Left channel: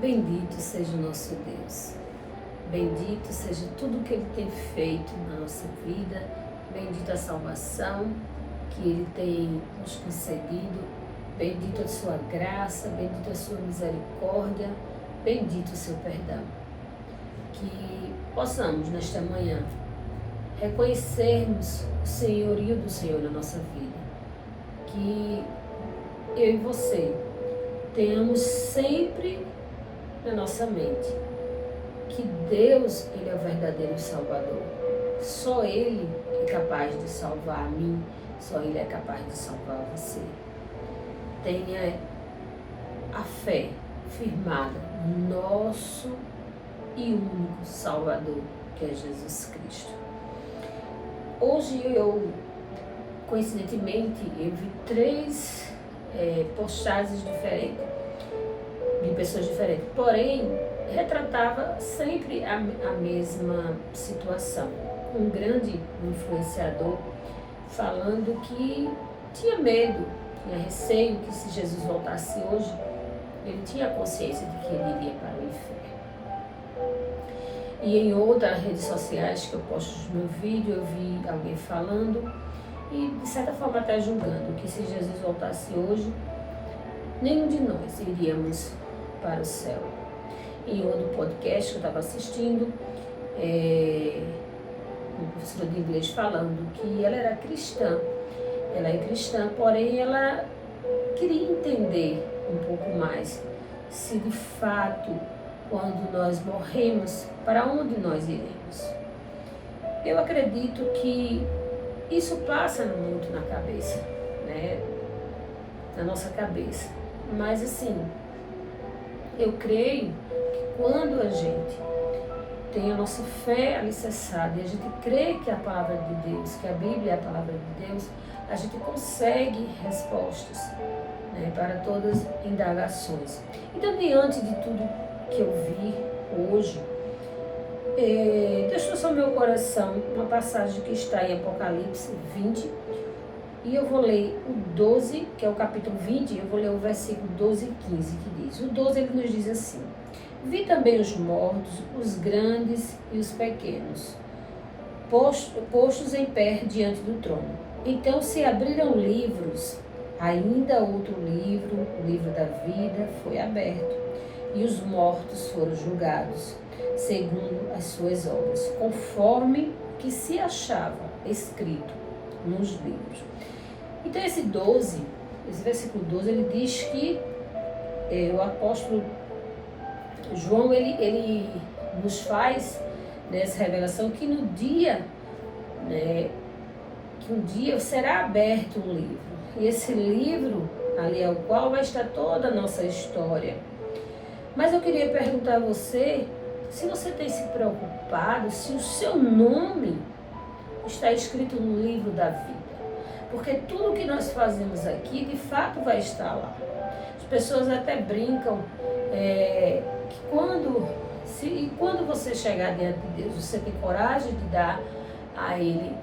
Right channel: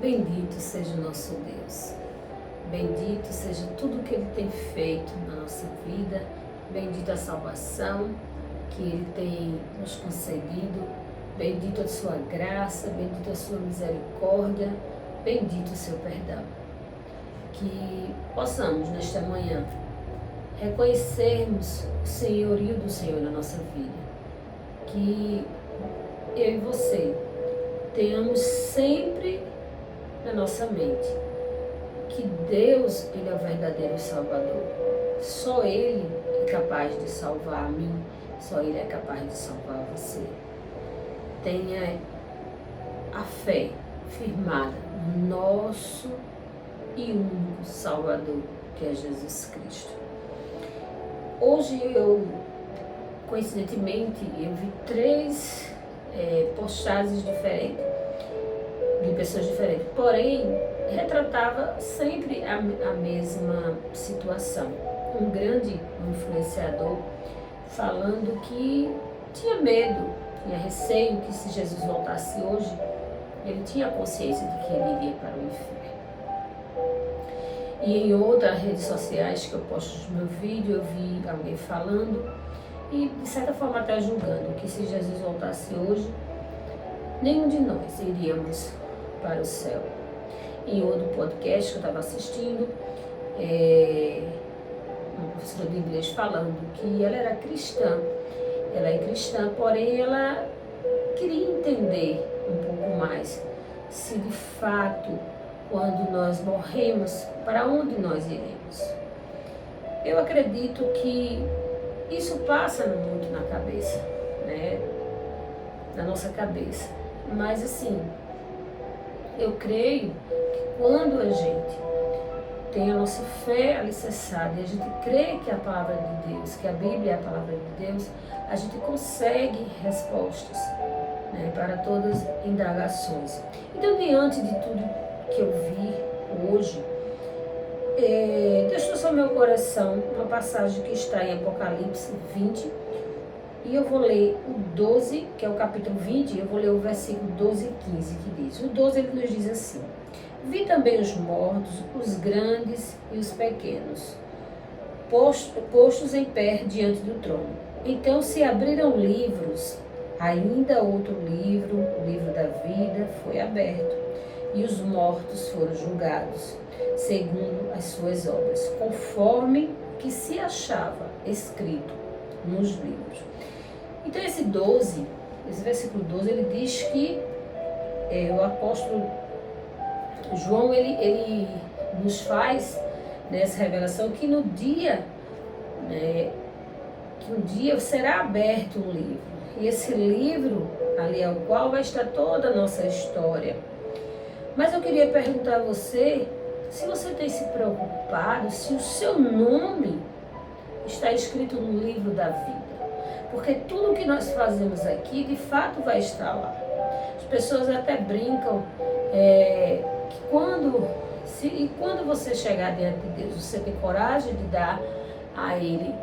Bendito seja o nosso Deus. Bendito seja tudo que Ele tem feito na nossa vida. Bendita a salvação que Ele tem nos concedido. Bendito a sua graça, bendito a sua misericórdia, bendito o seu perdão. Que possamos nesta manhã reconhecermos o senhorio do Senhor na nossa vida. Que eu e você tenhamos sempre na nossa mente que Deus, Ele é o verdadeiro Salvador. Só Ele é capaz de salvar a mim, só Ele é capaz de salvar você. Tenha a fé firmada no nosso e único Salvador, que é Jesus Cristo. Hoje coincidentemente, eu vi 3 postagens diferentes, de pessoas diferentes, porém, retratava sempre a mesma situação. Um grande influenciador falando que tinha medo, tinha receio que se Jesus voltasse hoje, ele tinha consciência de que ele iria para o inferno. E em outras redes sociais que eu posto no meu vídeo, eu vi alguém falando e de certa forma até julgando que se Jesus voltasse hoje, nenhum de nós iríamos para o céu. Em outro podcast que eu estava assistindo, uma professora de inglês falando que ela era cristã. Ela é cristã, porém ela queria entender um pouco mais se de fato, quando nós morremos, para onde nós iremos. Eu acredito que isso passa muito na cabeça, né? Na nossa cabeça. Mas assim, eu creio que quando a gente tem a nossa fé alicerçada e a gente crê que a palavra de Deus, que a Bíblia é a palavra de Deus, a gente consegue respostas, né, para todas as indagações. Então, diante de tudo que eu vi hoje, Deus trouxe ao meu coração uma passagem que está em Apocalipse 20, e eu vou ler o 12, que é o capítulo 20, e eu vou ler o versículo 12 e 15, que diz. O 12 ele nos diz assim: Vi também os mortos, os grandes e os pequenos, postos em pé diante do trono. Então se abriram livros, ainda outro livro, o livro da vida, foi aberto, e os mortos foram julgados, segundo as suas obras, conforme que se achava escrito nos livros. Então esse versículo 12, ele diz que o apóstolo João, ele nos faz nessa revelação que no dia, né, que um dia será aberto um livro. E esse livro, ali ao qual vai estar toda a nossa história. Mas eu queria perguntar a você, se você tem se preocupado, se o seu nome está escrito no livro da vida. Porque tudo que nós fazemos aqui, de fato, vai estar lá. As pessoas até brincam que quando você chegar diante de Deus, você tem coragem de dar a Ele,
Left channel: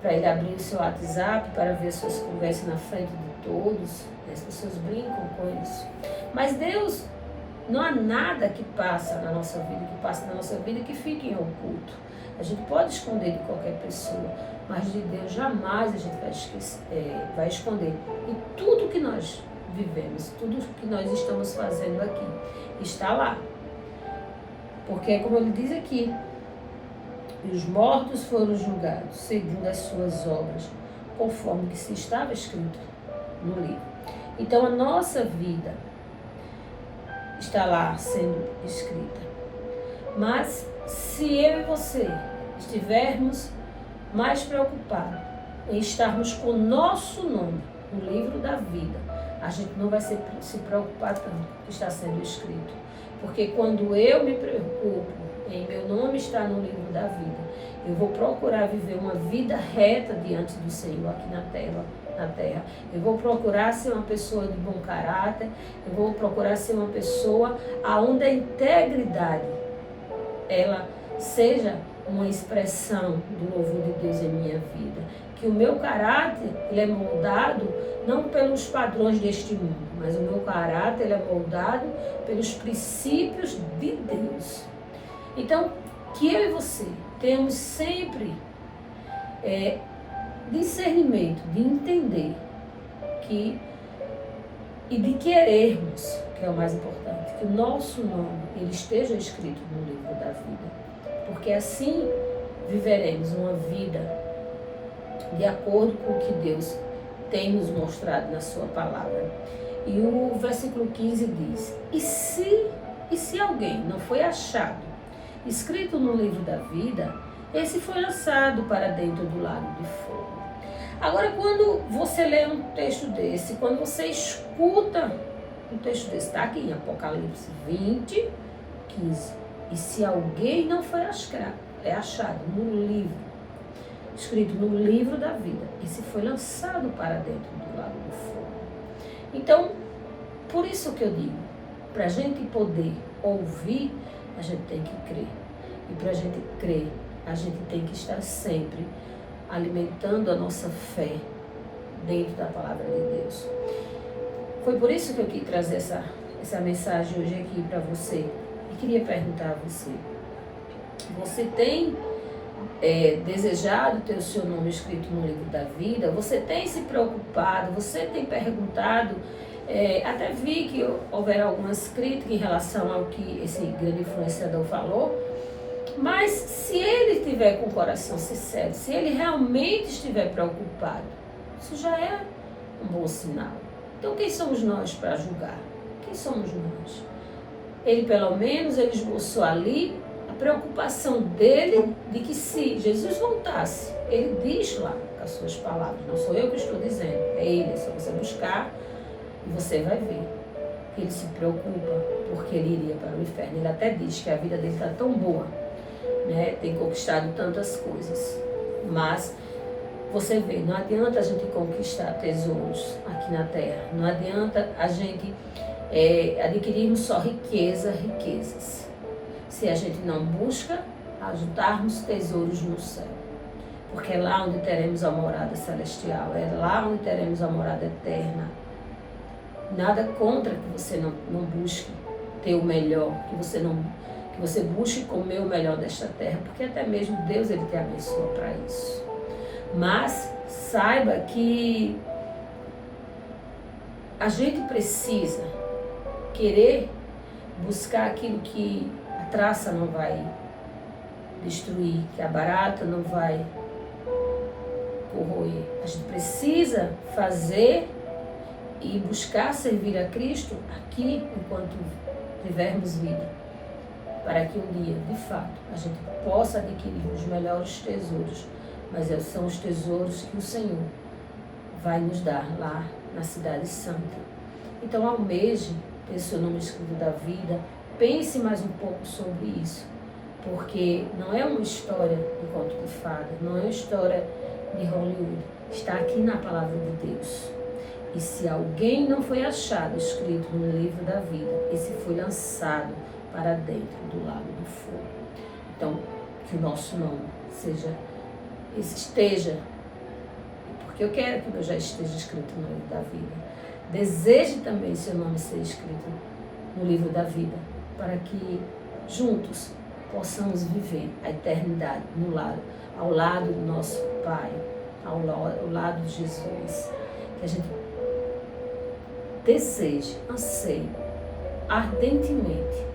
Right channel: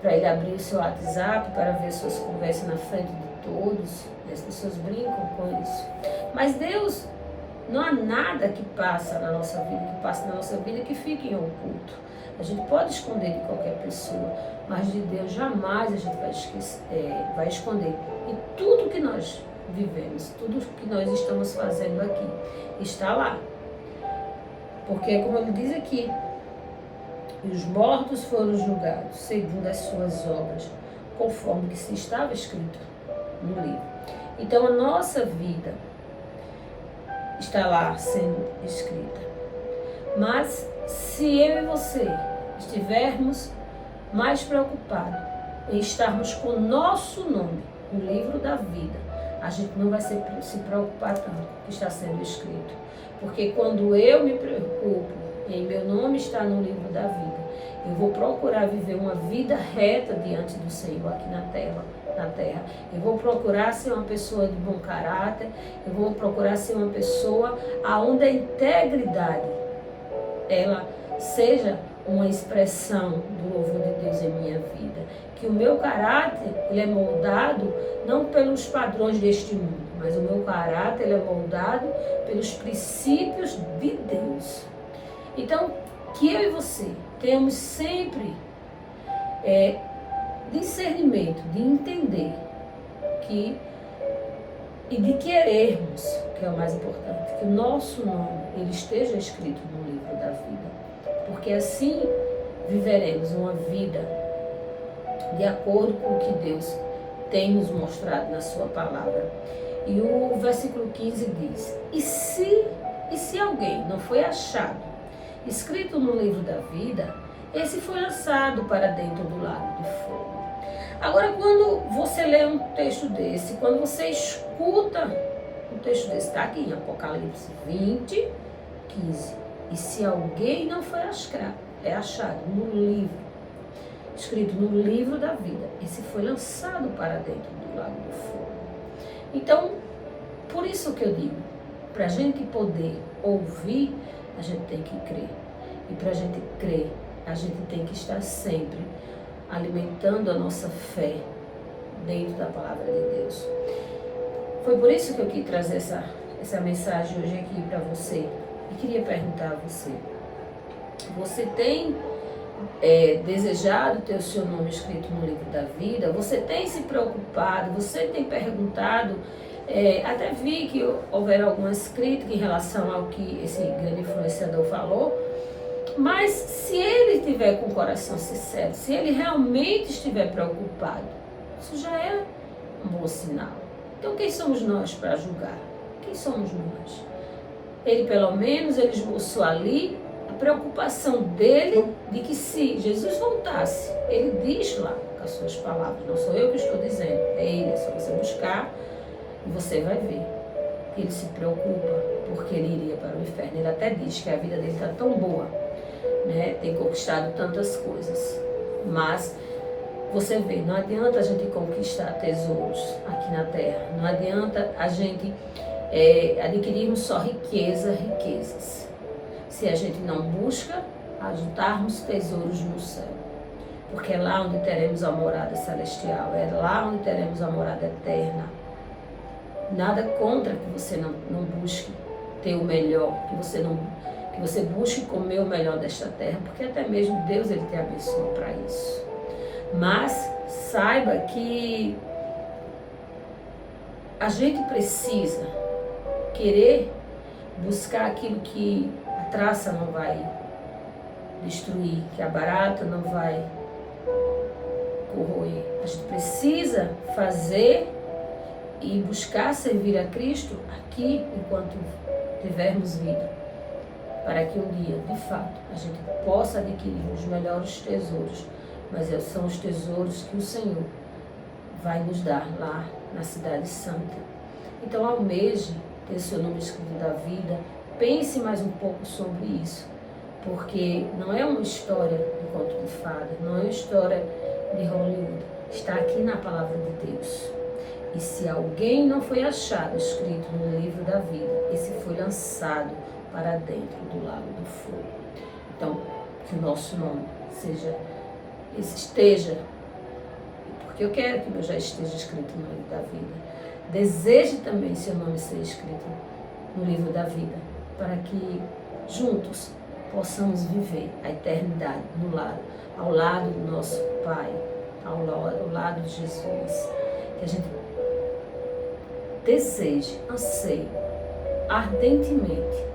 para Ele abrir o seu WhatsApp, para ver suas conversas na frente de todos. As pessoas brincam com isso. Mas Deus, não há nada que passa na nossa vida, que fique em oculto. A gente pode esconder de qualquer pessoa, mas de Deus jamais a gente vai esconder. E tudo que nós vivemos, tudo que nós estamos fazendo aqui, está lá. Porque, como ele diz aqui, os mortos foram julgados segundo as suas obras, conforme que se estava escrito no livro. Então, a nossa vida está lá sendo escrita. Mas se eu e você estivermos mais preocupados em estarmos com o nosso nome no livro da vida, a gente não vai se preocupar tanto com o que está sendo escrito. Porque quando eu me preocupo em meu nome estar no livro da vida, eu vou procurar viver uma vida reta diante do Senhor aqui na terra. Eu vou procurar ser uma pessoa de bom caráter, eu vou procurar ser uma pessoa onde a integridade, ela seja uma expressão do louvor de Deus em minha vida. Que o meu caráter, ele é moldado não pelos padrões deste mundo, mas o meu caráter ele é moldado pelos princípios de Deus. Então, que eu e você tenhamos sempre discernimento, de entender e de querermos, que é o mais importante, que o nosso nome ele esteja escrito no livro da vida, porque assim viveremos uma vida de acordo com o que Deus tem nos mostrado na sua palavra. E o versículo 15 diz: e se alguém não foi achado escrito no livro da vida, esse foi lançado para dentro do lago de fogo. Agora, quando você lê um texto desse, quando você escuta um texto desse, está aqui em Apocalipse 20, 15. E se alguém não foi achado no livro, escrito no livro da vida, esse foi lançado para dentro do lago do fogo. Então, por isso que eu digo, para a gente poder ouvir, a gente tem que crer. E para a gente crer, a gente tem que estar sempre alimentando a nossa fé dentro da palavra de Deus. Foi por isso que eu quis trazer essa mensagem hoje aqui para você. E queria perguntar a você: você tem desejado ter o seu nome escrito no livro da vida? Você tem se preocupado? Você tem perguntado? Até vi que houveram algumas críticas em relação ao que esse grande influenciador falou. Mas se ele estiver com o coração sincero, se ele realmente estiver preocupado, isso já é um bom sinal. Então quem somos nós para julgar? Quem somos nós? Ele pelo menos ele esboçou ali a preocupação dele de que se Jesus voltasse, ele diz lá com as suas palavras, não sou eu que estou dizendo, é ele, é só você buscar e você vai ver que ele se preocupa porque ele iria para o inferno. Ele até diz que a vida dele está tão boa, né? Tem conquistado tantas coisas, mas você vê, não adianta a gente conquistar tesouros aqui na terra, não adianta a gente adquirirmos só riquezas, se a gente não busca ajuntarmos tesouros no céu, porque é lá onde teremos a morada celestial, é lá onde teremos a morada eterna. Nada contra que você não busque ter o melhor, que você busque comer o melhor desta terra, porque até mesmo Deus ele te abençoa para isso. Mas saiba que a gente precisa querer buscar aquilo que a traça não vai destruir, que a barata não vai corroer. A gente precisa fazer e buscar servir a Cristo aqui enquanto tivermos vida, para que um dia, de fato, a gente possa adquirir os melhores tesouros, mas são os tesouros que o Senhor vai nos dar lá na Cidade Santa. Então, almeje ter seu nome escrito da vida, pense mais um pouco sobre isso, porque não é uma história de conto de fada, não é uma história de Hollywood, está aqui na palavra de Deus. E se alguém não foi achado escrito no livro da vida, esse foi lançado para dentro do lago do fogo. Então, que o nosso nome esteja, porque eu quero que o meu já esteja escrito no livro da vida. Deseje também seu nome ser escrito no livro da vida, para que juntos possamos viver a eternidade ao lado do nosso Pai, ao lado de Jesus. Que a gente deseje, anseie ardentemente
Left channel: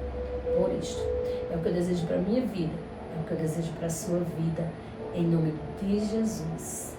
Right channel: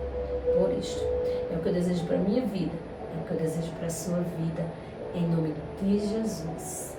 por isto. É o que eu desejo para a minha vida, é o que eu desejo para a sua vida, em nome de Jesus.